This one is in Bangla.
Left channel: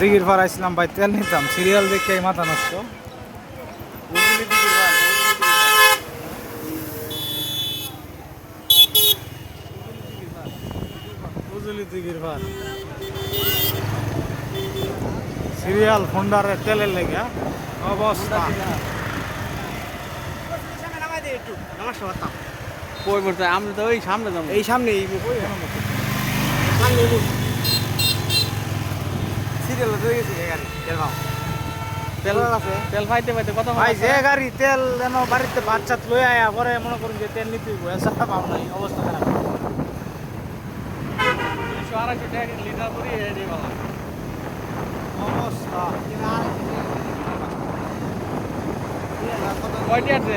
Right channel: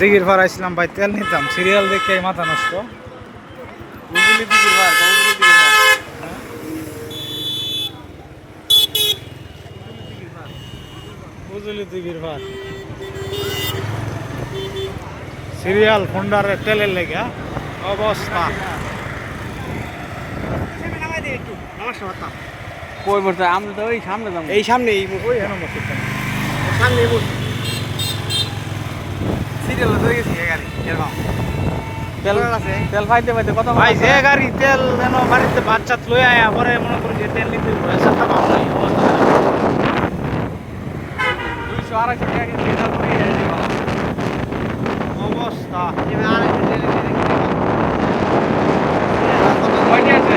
দিঘির পাড় আসলাম ভাই, তেল নিতাম, সিরিয়াল দেখে মাথা নষ্ট। বুঝলি দিঘির পাড় সিরিয়াল ফোন্ডারের তেলের লেগে অবস্থা। কই বলতে আমরা তো ওই সামনে যাবো, এই সামনে এই সামনে সিরিয়াল হয়ে গেছে গাড়ি তেল আছে, তেল পাইতে পাইতে কত ভাই যে গাড়ি তেল যেন বাড়িতে বাচ্চা লয়ে আয়া পরে মনে করি যে তেল নিতে পয়সা পাবো নাই অবস্থা। 200-250 টাকা লিটার করে অবস্থা কয়টা আছে?